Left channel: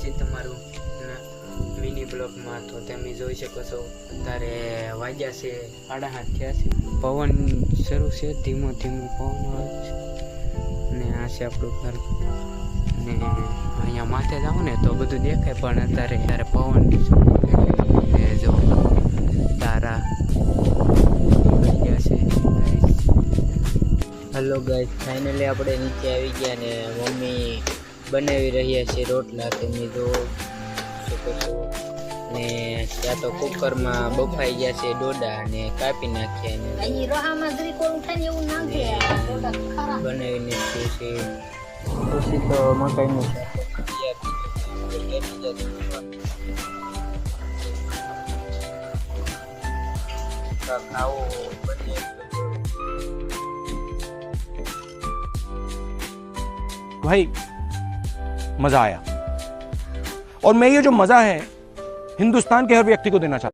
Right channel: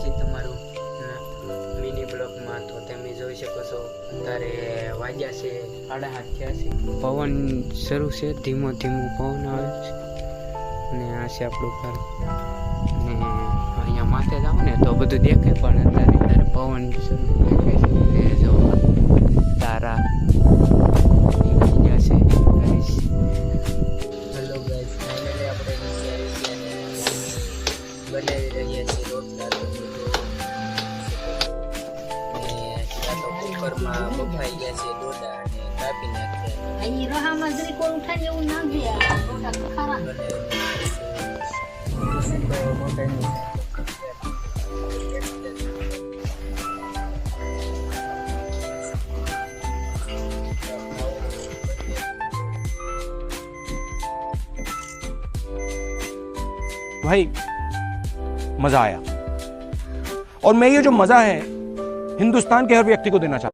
છે તમારું મિની બ્લોકમાં. તો તમે જોઈ શકો છો અત્યારે વાગ્યા છે 7:30 થયા છે. પવન શરૂ છે, ધીમો ધીમો પવન આવે છે અને આ છે આપણું ઘર. અને અહીંયા માથે જાઓ ને તો બધું દેખાય, પણ અત્યારે પવન શરૂ દેખાય છે. અને જો તારા હેલો ગાઈસ, ફાઇનલી આપણે નીચે આવી ગયા ને મમ્મી બનાવી રહ્યા છે રોટલા. તમે જો શકો છો. ને ત્યાં તો કુકરમાં બફાઈ ગયા છે ડોડા અને કાપી નાખ્યા બનાવી નાખ્યું છે. પછી તો મકાઈનું ખાવું બને. भाई मजा आया और मैं ये जो मजा है हिंदुस्तान के हर व्यक्ति को देना चाहता हूं।